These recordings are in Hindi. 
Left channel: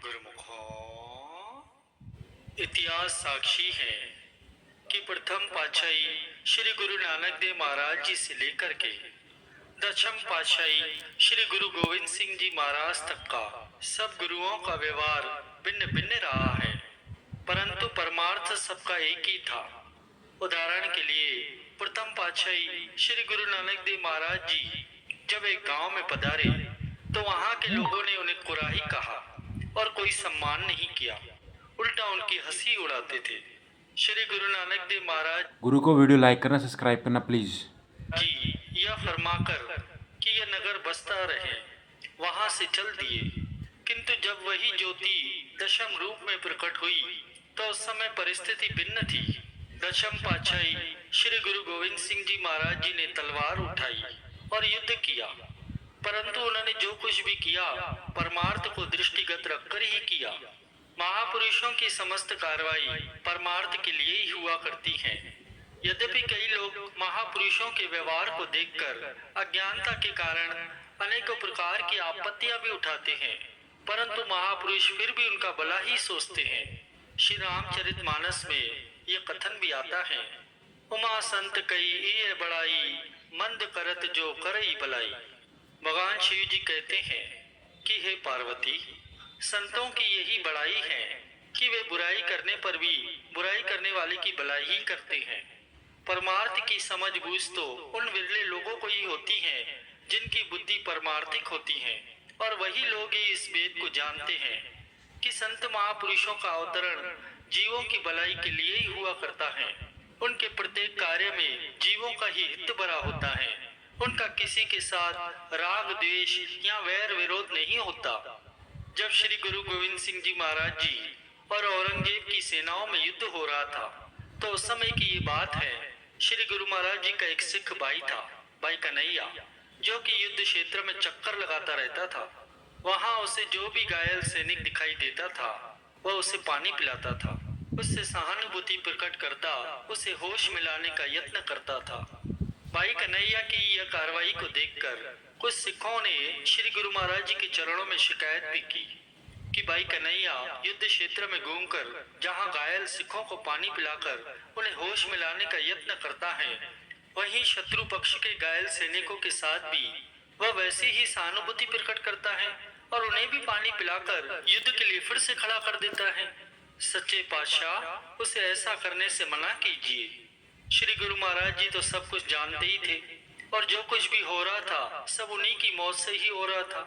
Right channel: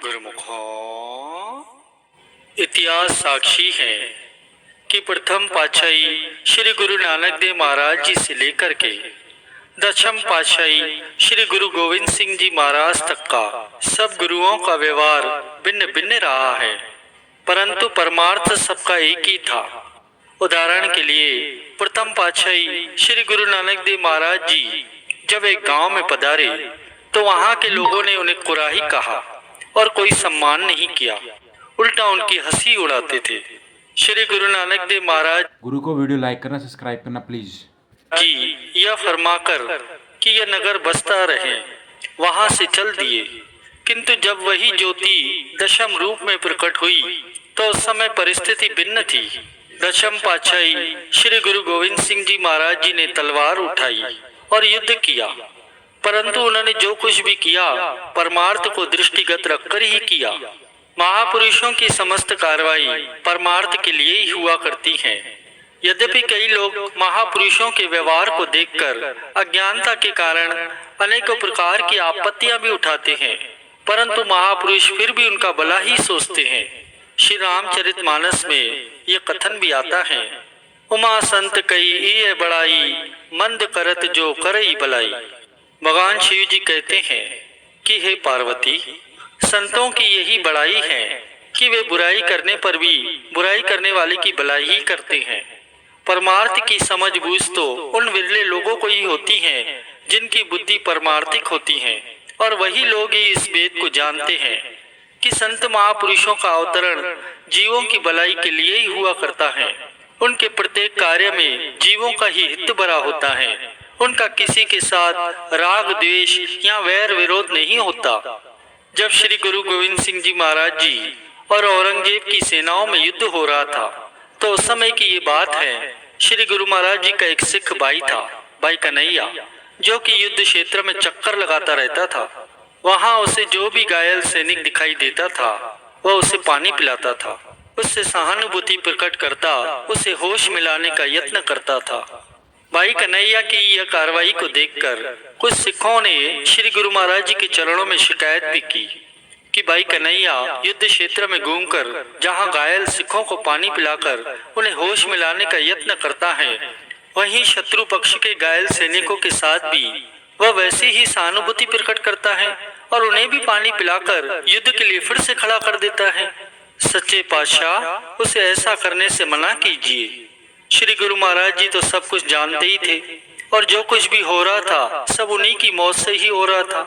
गुरुमुखों, इतिहास साक्षी है कि प्रथम पातशाही श्री गुरु नानक देव महाराज जी से लेकर के दशम पातशाही श्री गुरु गोविंद सिंह जी महाराज तक का सब गुरुओं का व्यवहार भिन्न भिन्न रहा है, परंतु परमार्थ सबका एक ही था। उदाहरण के लिए प्रथम पातशाही श्री गुरु नानक देव महाराज जी जब एक गांव में पधारे तो वहां के लोगों ने उन्हें कुराही कहा और कोई सम्मान नहीं किया, उल्टा उनकी हंसी उड़ाते थे। श्री गुरु नानक देव महाराज गुरु को वीडियो लाइक करना, सब्सक्राइब करना प्लीज जी यह फरमाकर कि यह नगर बसता रहे वहां से चल दिए, किंतु जब वही ज्योति दशम रूप में प्रकट हुई तो उस समय परिस्थिति भिन्न थी। दशम पातशाही श्री गुरु गोविंद सिंह जी महाराज जी ने तलवार उठाई और युद्ध किया, परंतु उन्होंने जो कुछ भी किया परमार्थ को दृष्टिगत रखकर ही किया। महापुरुषों की समस्त कार्रवाई परमार्थ के लिए ही हुआ करती है। यद्यपि कई लोग महापुरुषों के व्यवहार को देखकर अज्ञानता के कारण अनेकों प्रकार की आपत्तियां भी उठाते हैं, परंतु महापुरुष फिर भी उनका भला ही सोचते हैं। श्री रामचरितमानस में ये कथन भी आता है, उमा संत कई ये बड़ाई, मंद करत जो करई भलाई। भगवान शिव जी कहते हैं कि हे पार्वती, संतों की यही बड़ाई है कि वे बुराई करने पर भी बुराई करने वाले की भलाई ही करते हैं। परमार्थ की समझ बूझ तो उन विरले लोगों को ही होती है जिनकी बुद्धि परमार्थिक होती है, और वही लोग ही इस वेद को जानते हैं कि संत महापुरुषों का अवतरण जीवों की भलाई के लिए ही हुआ करता है। उनके प्रत्येक कार्य में जीवों का ही हित भरा होता है। उनका किसी के साथ राग द्वेष या वैर विरोध नहीं होता। जब श्री गुरु गोविंद सिंह जी महाराज जी और औरंगजेब की सेनाओं में युद्ध हो रहा था तो उस समय की ये बात है, श्री गुरु महाराज जी का एक सिख भाई था, भाई कन्हैया, जो कि युद्ध क्षेत्र में चक्कर लगाता रहता था। वहां उसे जो भी घायल सैनिक दिखाई देता था वह उसे पानी पिलाता था, उससे सहानुभूति प्रकट करता, उसे होश मिलाने का यत्न करता था। भाई कन्हैया की यह कार्रवाई को देखकर कुछ सिखों ने श्री गुरु महाराज जी के चरणों में शिकायत भी की कि भाई कन्हैया युद्ध क्षेत्र में घूमकर जहां घायल सिखों को पानी पिलाकर उन्हें होश मिलाने का यत्न करता है, वहीं शत्रु पक्ष के घायल सैनिकों के साथ भी वह वैसे ही सहानुभूति प्रकट करता है और उन्हें भी पानी पिलाकर युद्ध के लिए फिर से खड़ा कर देता है। सच्चे पातशाह, उसे ऐसा करने से मना कीजिए। श्री गुरु महाराज जी तो सब कुछ जानते ही थे और जो कुछ भी हो रहा था सब उन्हीं की मौत से ही हो रहा था,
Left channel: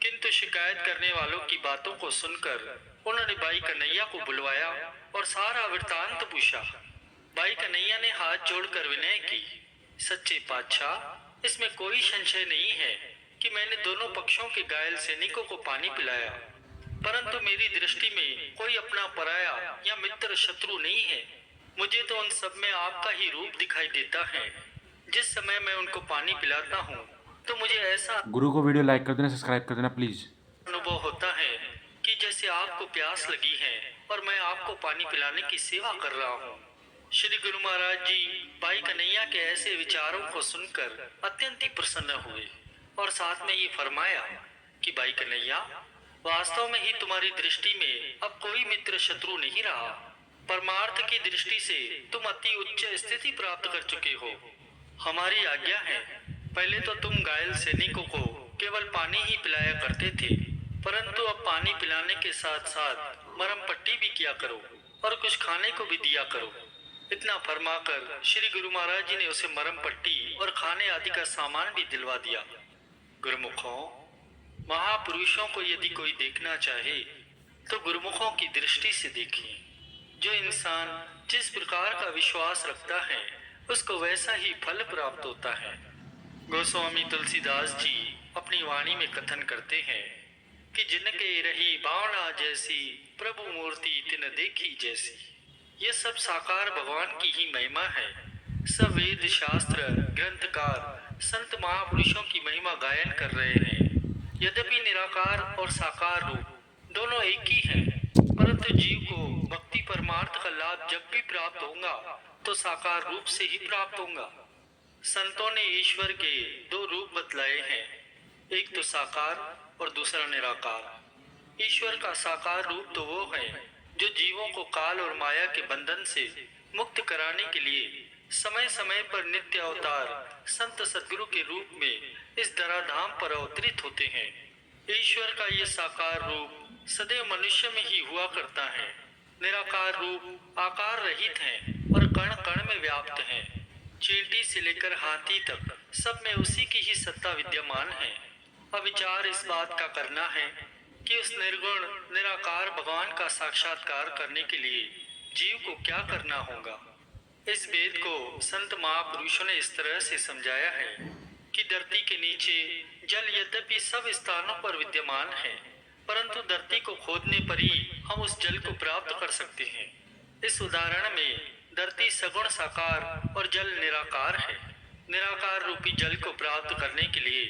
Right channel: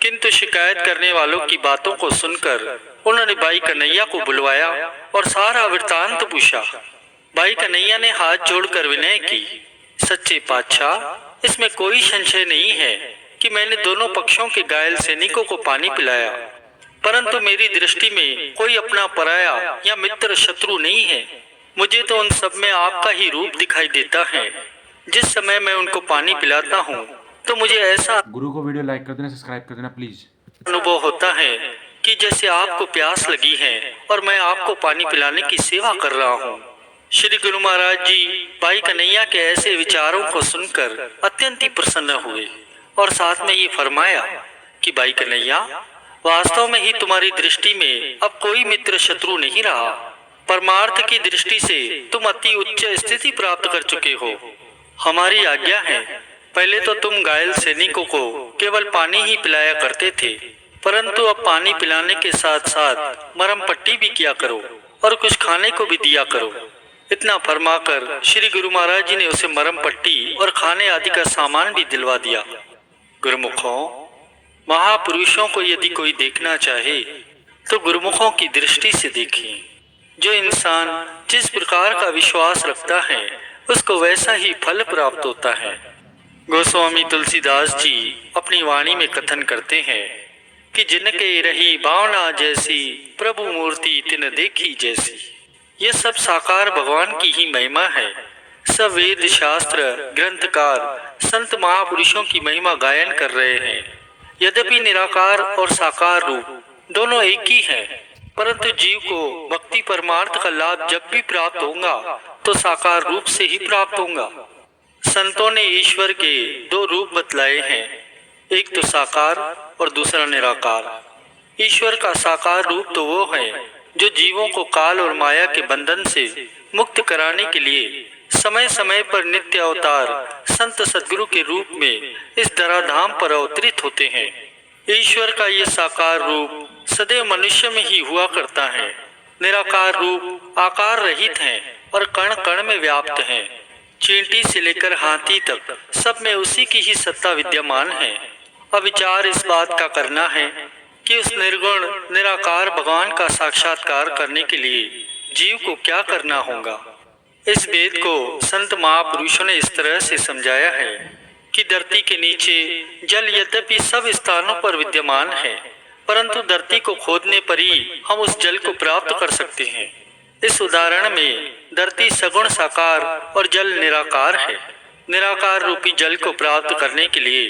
किंतु शिकायत करने वालों की बातों को सुनकर उन्होंने भाई कन्हैया को बुलवाया और सारा वृत्तांत पूछा। भाई कन्हैया ने हाथ जोड़कर विनय की, सच्चे पातशाह, इसमें कोई संशय नहीं है कि मैंने दोनों पक्षों के घायल सैनिकों को पानी पिलाया, परंतु मेरी दृष्टि में कोई अपना पराया या मित्र शत्रु नहीं है। मुझे तो उन सब में आपका ही रूप दिखाई देता है। जिस समय मैं उनको पानी पिलाता हूँ तो मुझे ऐसा गुरु को वीडियो लाइक कर देना, सब्सक्राइब कर देना प्लीज अनुभव होता है कि जैसे आपको प्यास लगी है और मैं आपको पानी पिलाने की सेवा कर रहा हूँ। श्री गुरु महाराज जी भाई कन्हैया के ऐसे विचारों को सुनकर अत्यंत ही प्रसन्न हुए और साथ में ये फरमाया कि भाई कन्हैया, वास्तव में ही तुम्हारी दृष्टि में अब कोई मित्र शत्रु नहीं रहा। परमार्थ की दृष्टि से तुम अति उच्च स्थिति प्राप्त कर चुके हो। हमारी आज्ञा है, पहले तो तुम घायल सैनिकों को केवल पानी ही पिलाया करते थे, परंतु अब पानी पिलाने के साथ साथ मरहम पट्टी भी किया करो और कुछ खाने को भी दिया करो। इतना फरमाकर श्री गुरु महाराज जी ने उसे मरहम पट्टी और खाने आदि का सामान भी दिलवा दिया। गुरुमुखों, महापुरुषों को यदि कोई देखना चाहे तो गुरुमुखों की दृष्टि से देखें। जो इंसान जिस प्रकार का विश्वास रखता है उसको वैसा ही फल प्राप्त होता है। गोस्वामी तुलसीदास जी अपनी वाणी में कथन करते हैं कि जिनके रही भावना जैसी, प्रभु मूर्ति तिन देखी जैसी। ये सब साकार भगवान की ही महिमा है। सब वेद शास्त्र ग्रंथकार संत महापुरुषों की महिमा गायन कर रहे हैं। यद्यपि निराकार और साकार रूप दोनों एक ही हैं, परंतु जीव को भक्ति परमार्थ का लाभ जब भी प्राप्त होगा तो साकार रूप से ही प्राप्त होगा। संतों ने ईश्वर के दो रूप बतलाए हैं, एक तो साकार और दूसरा निराकार। ईश्वर का साकार रूप तो वो है जो जीवों को काल और माया के बंधन से मुक्त कराने के लिए समय समय पर नित्य अवतार संत सद्गुरु के रूप में इस धराधाम पर अवतरित होते हैं। ईश्वर का ये साकार रूप सदैव मनुष्य में ही हुआ करता है। निराकार रूप आकार रहित है और कण कण में व्याप्त है। चींटी से लेकर हाथी तक सब में उसी की ही सत्ता विद्यमान है। अब विचार इस बात का करना है कि उस निर्गुण निराकार भगवान का साक्षात्कार करने के लिए जीव को क्या करना होगा। इस वेद को संत महापुरुषों ने इस तरह से समझाया है कि धरती के नीचे जल यद्यपि सब स्थानों पर विद्यमान है, परंतु धरती को खोदने पर ही हम उस जल को प्राप्त कर सकते हैं। इस उदाहरण में धरती सगुण साकार और जल निराकार है। निराकार रूपी जल को प्राप्त करने के लिए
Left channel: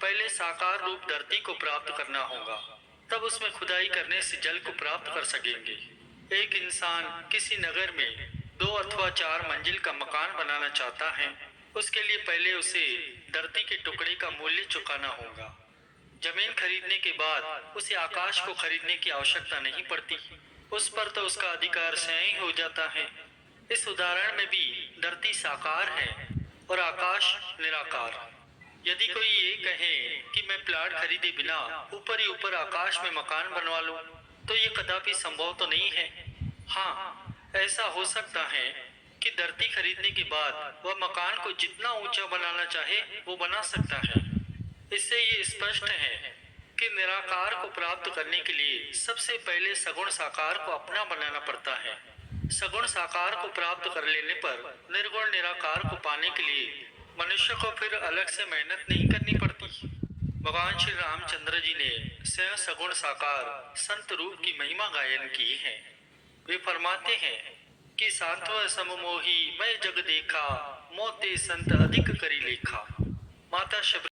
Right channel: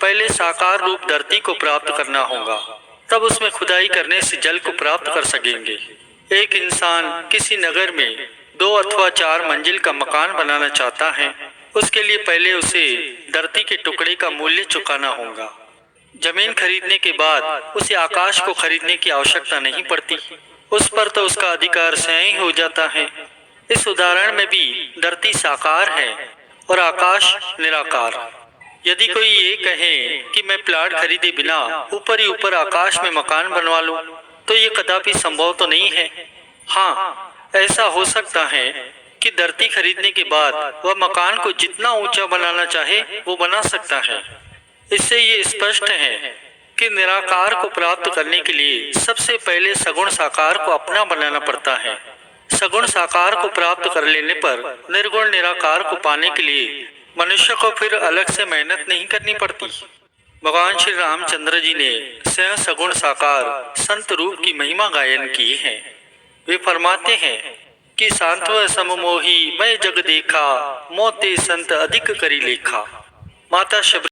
पहले साकार रूप धरती को प्राप्त करना होगा, तब उसमें खुदाई करने से जल को प्राप्त कर सकेंगे। एक इंसान किसी नगर में 2 अथवा 4 मंजिल का मकान बनाना चाहता है, उसके लिए पहले उसे धरती के टुकड़े का मूल्य चुकाना होगा। जमीन खरीदने के बाद उसे आकाश को खरीदने की आवश्यकता नहीं पड़ती, उस पर तो उसका अधिकार स्वयं ही हो जाता है। इस उदाहरण में भी धरती साकार है और आकाश निराकार। यदि कोई ये कहे कि मैं प्लाट खरीदे बिना ऊपर ही ऊपर आकाश में मकान बनवा लूं, तो ये कदापि संभव तो नहीं है। हाँ, ऐसा हो सकता है कि धरती खरीदने के बाद वह मकान को जितना ऊंचा बनाना चाहे वो बना सकता है। इससे ये स्पष्ट है कि निराकार को प्राप्त करने के लिए सबसे पहले सगुण साकार को अपना बनाना पड़ता है। सगुण साकार को प्राप्त कर लेने पर निर्गुण निराकार को पाने के लिए मनुष्य को फिर अलग से मेहनत नहीं करनी पड़ती। भगवान श्री रामचंद्र जी ने स्वयं सगुण साकार संत रूप की महिमा गायन की है। वे फरमाते हैं कि सांत्व सममोही मैं जग देखा, मोते संत अधिक करी लेखा। माता